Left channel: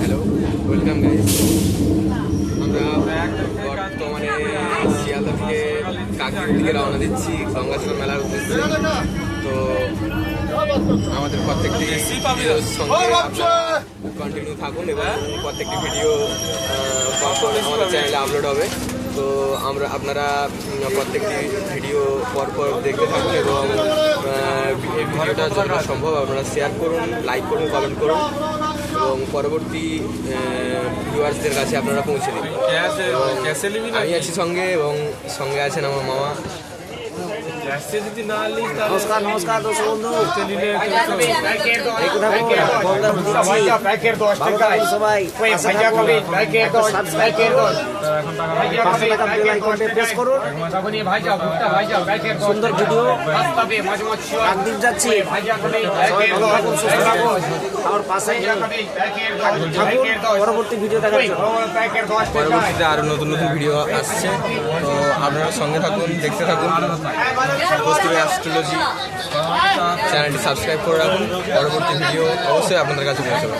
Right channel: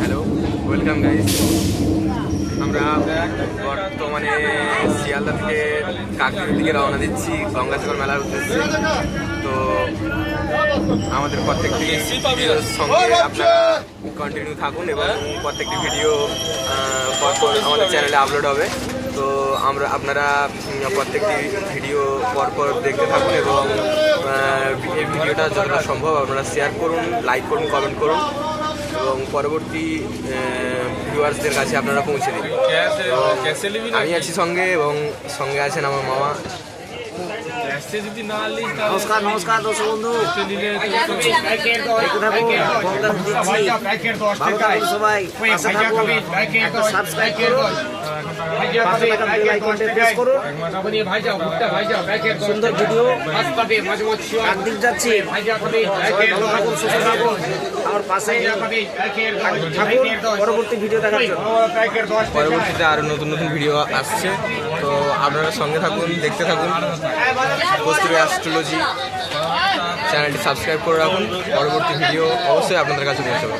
Hello, welcome guys. আমরা বর্তমানে শিয়ালদা থেকে কাকদ্বীপের দিকে রওনা দিচ্ছি গঙ্গাসাগর মেলার উদ্দেশ্যে। তো আমাদের প্রত্যেকটি ভিডিওর সঙ্গে আপনারা কন্টিনিউ থাকুন এবং প্রত্যেকটি ভিডিও পরপর আমাদের চ্যানেলে আপলোড হবে। তো আপনারা প্রত্যেকটি ভিডিও পরপর দেখতে থাকুন এবং এই ভিডিওটা যতটা সম্ভব আপনারা শেয়ার করুন, লাইক করুন, কমেন্ট করুন এবং পরবর্তী ভিউয়ার্সদের কাছে আপনারা পৌঁছে দিন। এবং আমি আছি সঙ্গে এবং সঙ্গে আছেন আমার মামা। নমস্কার নমস্কার দর্শক বন্ধু, দেখতে থাকুন গঙ্গা দিচ্ছি। ভালো থাকুন সবাই, পাশে থাকুন, একটা সাবস্ক্রাইব করুন, পাশে থাকা বেল আইকনটা প্রেস করুন। সুন্দর ভিডিও কাকদ্বীপ যাচ্ছি, সবাই ভালো থাকুন, সুস্থ থাকুন, আমার পাশে থাকুন পরবর্তী ভিডিও দেখার জন্য। পরবর্তীতে আরও নতুন নতুন ভিডিও আসছে, তো আপনারা সঙ্গে থাকুন, দেখতে থাকুন। কস্তুরী অ্যাস্ট্রোলজি চ্যানেলটি সাবস্ক্রাইব করে রাখুন, পরবর্তী ভিডিও অবশ্যই আপনাদের কাছে পৌঁছাবে।